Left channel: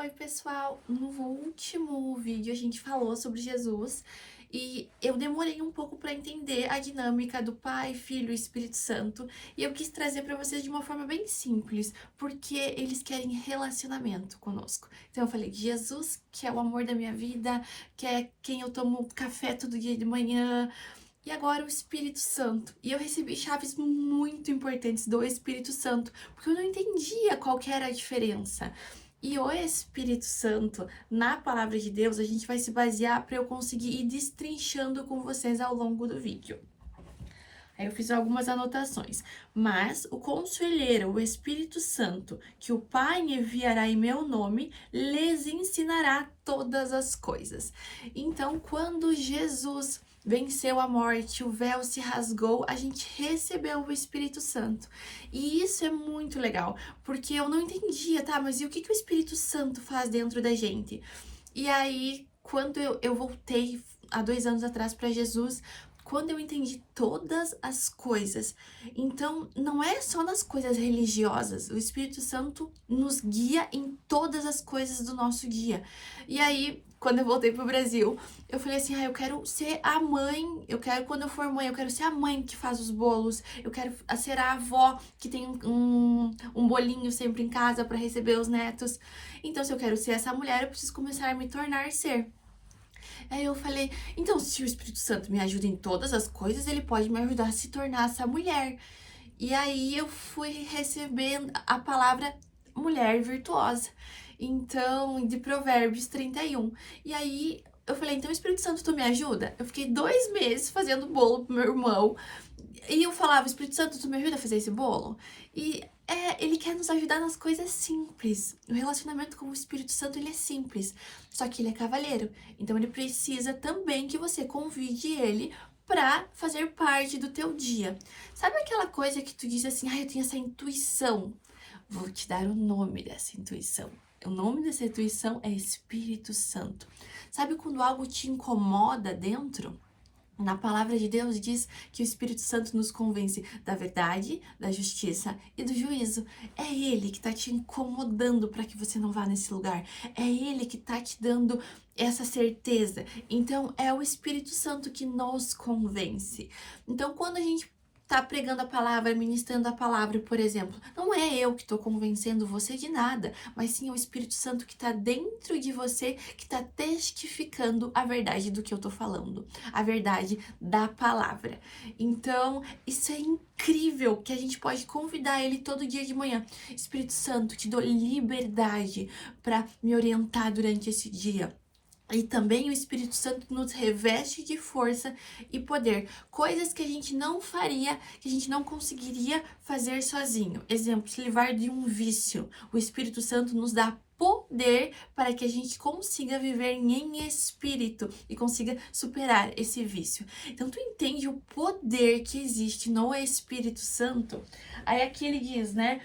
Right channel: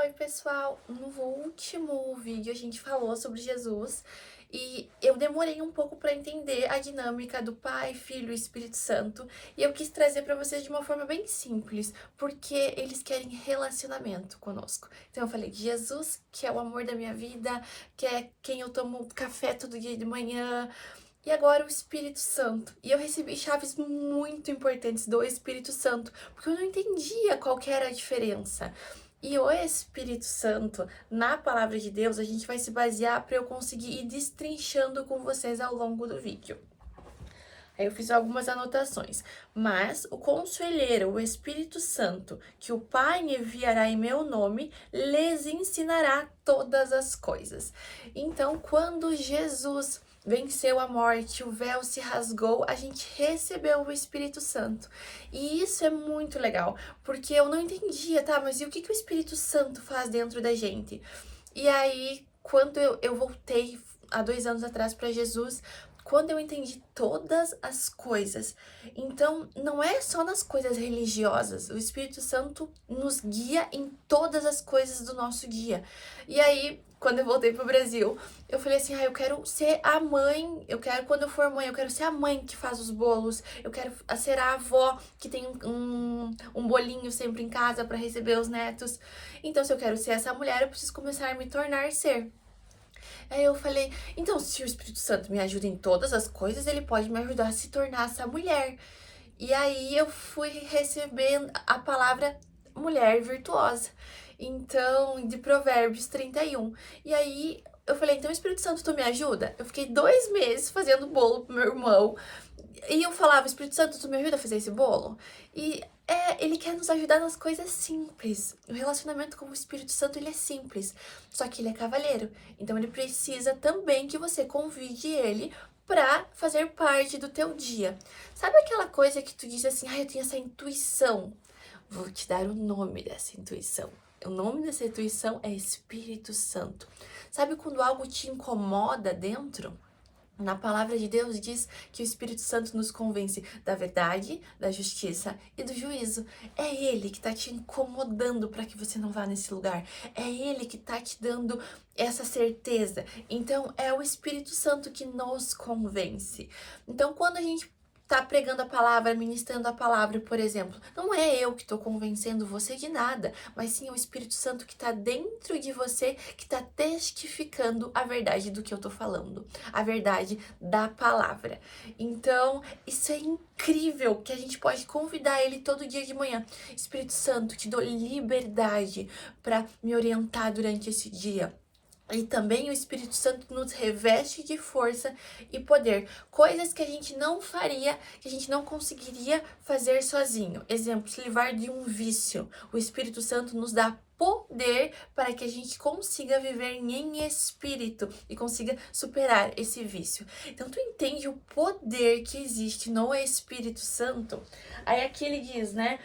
Oi, pessoal! No último vídeo a gente falou sobre Jesus e eu demorei um pouco para entender a dinâmica do Pai, Filho e Espírito Santo, e eu quis trazer para vocês de uma forma bem simples, porque eles querem relacionamento conosco. Então eu falei, Jesus, que é o amor da minha vida, que é quem eu tomo café todo dia de manhã, e agora o Espírito Santo. E eu recebi chaves muito importantes do Espírito Santo, porque eu não entendia qual que era a diferença. E o Espírito Santo, na palavra de Deus, a gente vai se basear para eu conseguir ir destrinchando com vocês ao longo do vídeo. Aí eu fiz algumas anotações. Mas o Conselheiro, o Espírito Santo, que o Pai enviará em meu nome, lhes ensinará todas as coisas. Então, quando Jesus venceu a morte, o véu se rasgou, a gente recebeu o Espírito Santo. E isso é muito legal, porque eu não entendia, tá? Mas e o que que o Espírito Santo faz dentro da gente? E aí, quando eu voltei há 2 anos atrás para Jesus, quando eu entendi todas as coisas, então não é só nas coisas religiosas, o Espírito Santo nos guia em todas as coisas do nosso dia. E aí, quando eu voltei pro Brasil, eu falei assim: eu quero ser a mãe, eu quero, quando eu for mãe, eu quero ser a mãe que faz os bolos, eu quero ser a avó que tem um bolinho sempre em casa para receber os netos. Então, se eu quero ser essa mulher, eu preciso começar a me tornar ser. Aí eu falei, então, se o Espírito Santo me ajuda em todas as coisas, ele pode me ajudar a se tornar essa mulher. E aí eu fui recebendo a palavra mulher virtuosa. Então, de Provérbios 31. E aí eu falei, então, Espírito Santo, tu me ajuda? Eu fiquei 2 meses fazendo bolo pro meu irmão. E eu falava, Espírito Santo, tu me ajuda a fazer esse bolo? E ele quer nos ajudar nas coisas simples. O relacionamento com o Espírito Santo, ele é simples. Só que ele é cavalheiro. Então ele precisa também que você convide ele para fazer parte do teu dia. Sabe aquela coisa que tu diz assim, eu tenho essa intuição. Vou te dar o nome dessa intuição. O nome dessa intuição é Espírito Santo. Sabe quando algo te incomoda dentro? Na palavra de Deus diz que o Espírito Santo nos convence da verdade, da justiça e do juízo. É Ele que está te incomodando para que você não vá nesse lugar. É Ele que está te dando essa certeza. Então, é o Espírito Santo que nos convence. Então, quando a gente tá pregando a palavra, ministrando a palavra, por exemplo, não é eu que estou convencendo você de nada, mas sim o Espírito Santo que está dentro de você, que está testificando a verdade do que eu estou falando, a verdade da palavra. Então, isso é incrível que a gente pode convidar ele todo dia de manhã. Espírito Santo, te dou liberdade para me orientar durante esse dia. E também o Espírito Santo nos reveste de força e poder. Coisas que a gente não faria, que a gente não conseguiria fazer sozinho. Exemplo, se livrar de um vício. O Espírito Santo nos dá poder para que a gente consiga viver em espírito e consiga superar esse vício. Então, tu entende o poder que existe no Espírito Santo? Aí aqui ele diz, né?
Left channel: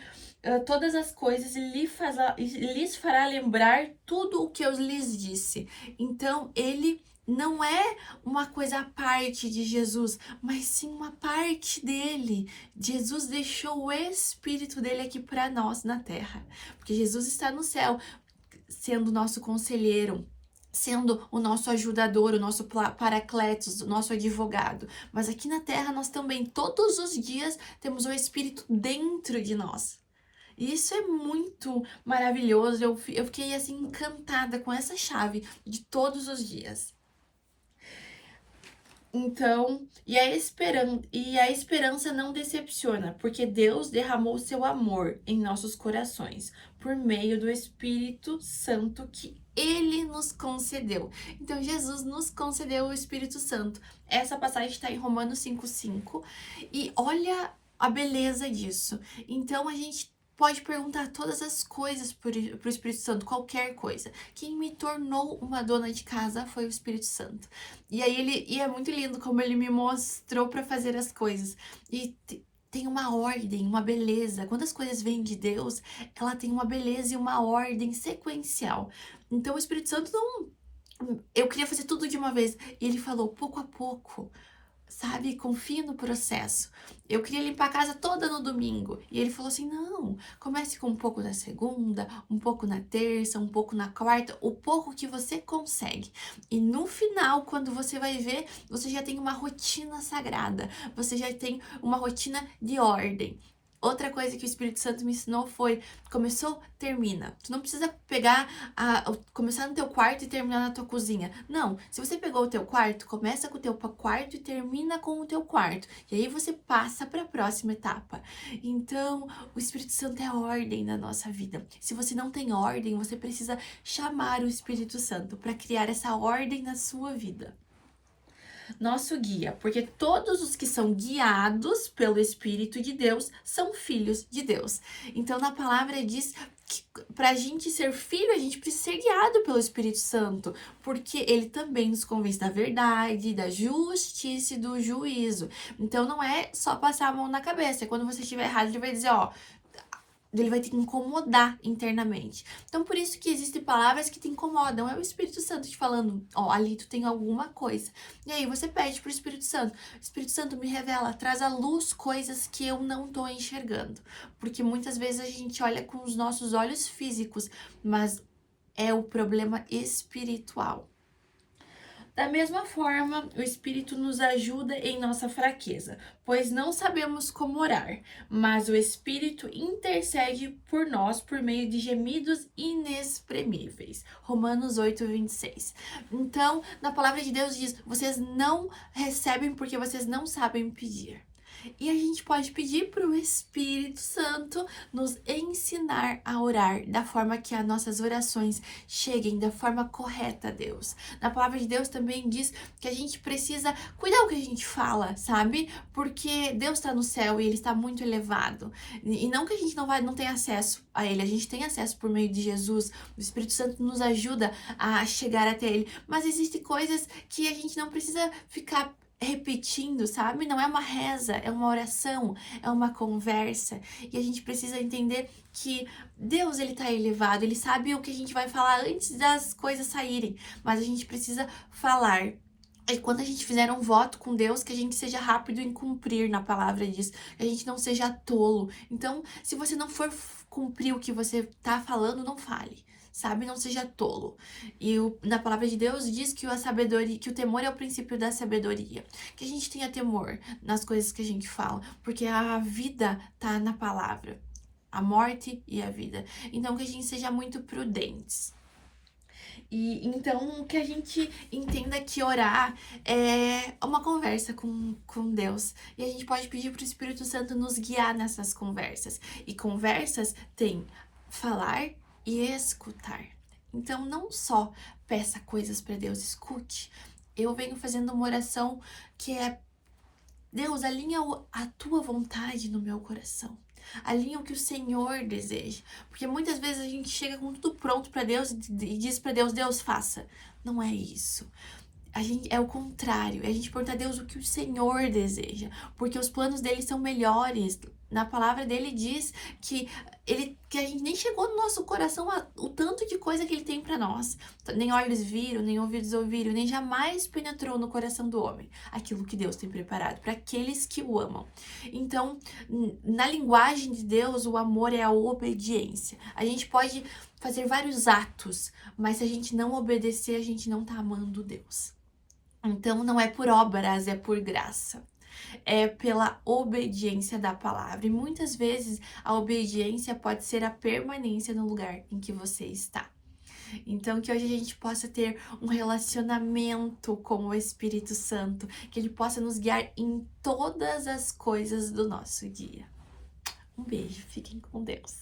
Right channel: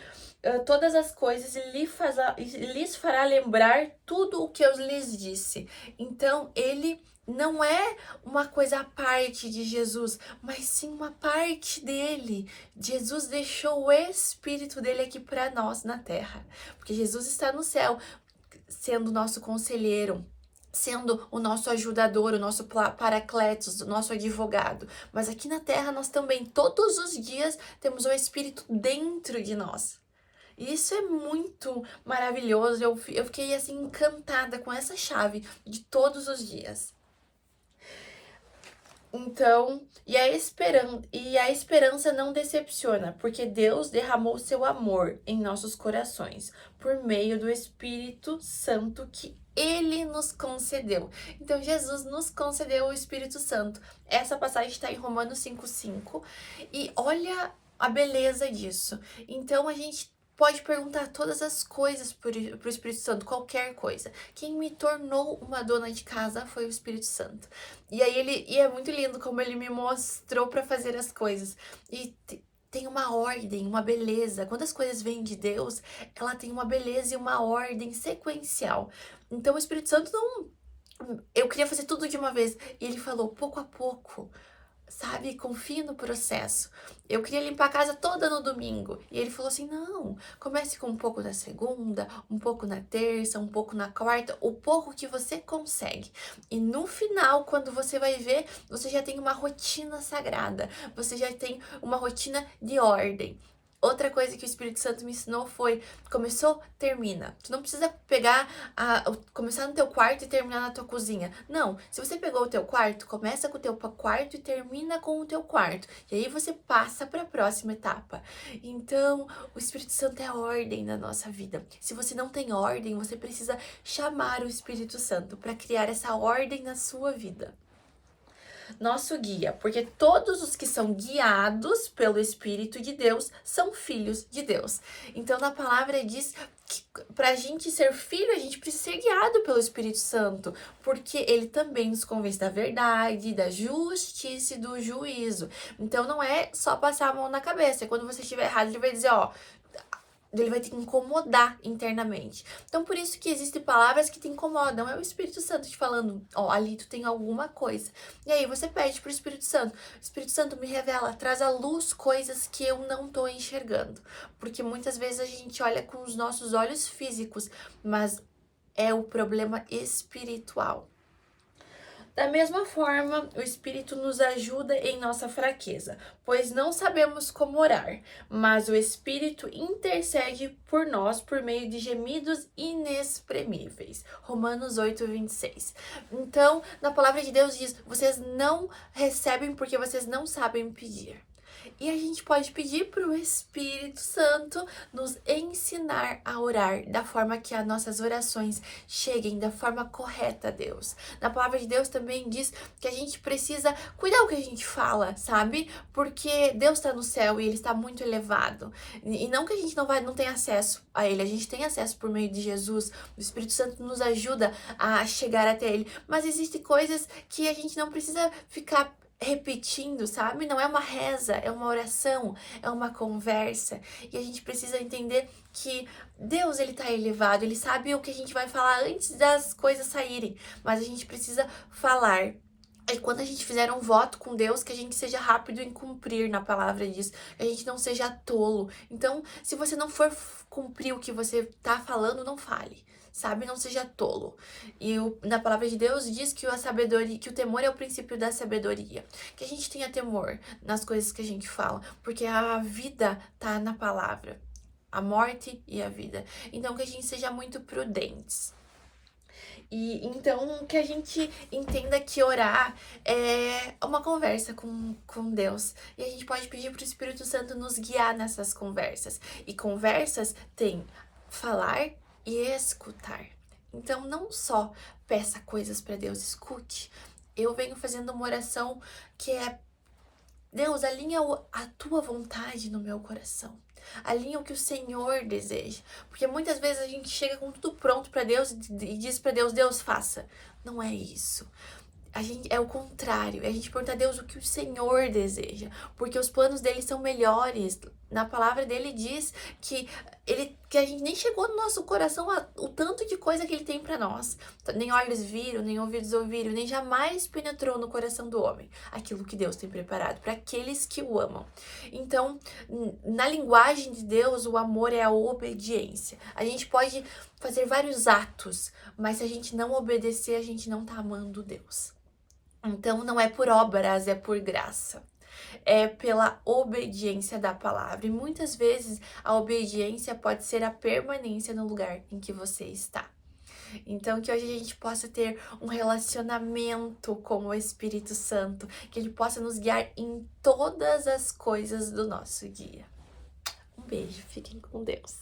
Todas as coisas lhes fará lembrar tudo o que eu lhes disse. Então, ele não é uma coisa à parte de Jesus, mas sim uma parte dele. Jesus deixou o Espírito dele aqui para nós na terra, porque Jesus está no céu, sendo nosso conselheiro, sendo o nosso ajudador, o nosso paracletos, o nosso advogado. Mas aqui na terra nós também, todos os dias, temos o Espírito dentro de nós. E isso é muito maravilhoso. Eu fiquei assim encantada com essa chave de todos os dias. Então, e a esperança não decepciona, porque Deus derramou seu amor em nossos corações por meio do Espírito Santo que ele nos concedeu. Então, Jesus nos concedeu o Espírito Santo. Essa passagem está em Romanos 5:5 e olha a beleza disso. Então, a gente pode perguntar todas as coisas para o Espírito Santo, qualquer coisa. Quem me tornou uma dona de casa foi o Espírito Santo. E é muito lindo como ele me mostrou para fazer as coisas. E tem uma ordem, uma beleza. Quando as coisas vêm de Deus, ela tem uma beleza e uma ordem sequencial. Então o Espírito Santo não. Eu queria fazer tudo de uma vez. E ele falou pouco a pouco. sabe? Confie no processo. Eu queria limpar a casa toda no domingo. E ele falou assim: não, comece com um pouco na segunda, um pouco na terça, um pouco na quarta, o pouco que você consegue. E no final, quando você vai ver, você já tem uma rotina sagrada, você já tem uma rotina de ordem. Outra coisa que o Espírito Santo me ensinou foi: começou, termina. Tu não precisa começar no teu quarto e terminar na tua cozinha. Não, se você pegou o teu quarto, começa com o teu quarto e termina com o teu quarto. E aí você passa para a próxima etapa. Então, o Espírito Santo é ordem na nossa vida. Se você não tem ordem, você precisa chamar o Espírito Santo para criar essa ordem na sua vida. Nosso guia, porque todos os que são guiados pelo Espírito de Deus são filhos de Deus. Então, na palavra diz que para a gente ser filho, a gente precisa ser guiado pelo Espírito Santo, porque ele também nos convence da verdade, da justiça e do juízo. Então, não é só passar a mão na cabeça. Quando você estiver errado, ele vai dizer: ó, ele vai te incomodar internamente. Então, por isso que existem palavras que te incomodam. É o Espírito Santo te falando: ó, ali tu tem alguma coisa. E aí você pede pro Espírito Santo: Espírito Santo, me revela, traz à luz coisas que eu não tô enxergando. Porque muitas vezes a gente olha com os nossos olhos físicos, mas é o problema espiritual. Da mesma forma, o Espírito nos ajuda em nossa fraqueza, pois não sabemos como orar, mas o Espírito intercede por nós por meio de gemidos inexprimíveis. Romanos 8:26. Então, na palavra de Deus diz: vocês não recebem porque vocês não sabem pedir. E a gente pode pedir para o Espírito Santo nos ensinar a orar da forma que as nossas orações cheguem da forma correta a Deus. Na palavra de Deus também diz que a gente precisa cuidar o que a gente fala, sabe? Porque Deus está no céu e Ele está muito elevado. E não que a gente não tenha acesso a Ele, a gente tem acesso por meio de Jesus. O Espírito Santo nos ajuda a chegar até Ele. Mas existem coisas que a gente não precisa ficar repetindo, sabe? Não é uma reza, é uma oração, é uma conversa. E a gente precisa entender que Deus, ele tá elevado, ele sabe o que a gente vai falar antes das coisas saírem, mas a gente precisa falar. E quando a gente fizer um voto com Deus, que a gente seja rápido em cumprir, na palavra diz, que a gente não seja tolo. Então, se você não for cumprir o que você tá falando, não fale. Sabe, não seja tolo. E na palavra de Deus diz que a sabedoria, que o temor é o princípio da sabedoria. Que a gente tenha temor nas coisas que a gente fala, porque a vida tá na palavra, a morte e a vida. Então que a gente seja muito prudentes. E então que a gente entenda que orar é uma conversa com Deus. E a gente pode pedir para o Espírito Santo nos guiar nessas conversas. E conversas tem falar e escutar. Então, não só peça coisas para Deus, escute. Eu venho fazendo uma oração que é: Deus, alinha a tua vontade no meu coração. Alinha o que o Senhor deseja. Porque muitas vezes a gente chega com tudo pronto para Deus e diz para Deus: Deus, faça. Não é isso. É o contrário, é a gente perguntar a Deus o que o Senhor deseja, porque os planos dele são melhores. Na palavra dele diz que a gente nem chegou no nosso coração o tanto de coisa que ele tem para nós. Nem olhos viram, nem ouvidos ouviram, nem jamais penetrou no coração do homem aquilo que Deus tem preparado para aqueles que o amam. Então, na linguagem de Deus, o amor é a obediência. A gente pode fazer vários atos, mas se a gente não obedecer, a gente não tá amando Deus. Então, não é por obras, é por graça. É pela obediência da palavra. E muitas vezes a obediência pode ser a permanência no lugar em que você está. Então, que hoje a gente possa ter um relacionamento com o Espírito Santo, que ele possa nos guiar em todas as coisas do nosso dia. Um beijo, fiquem com Deus.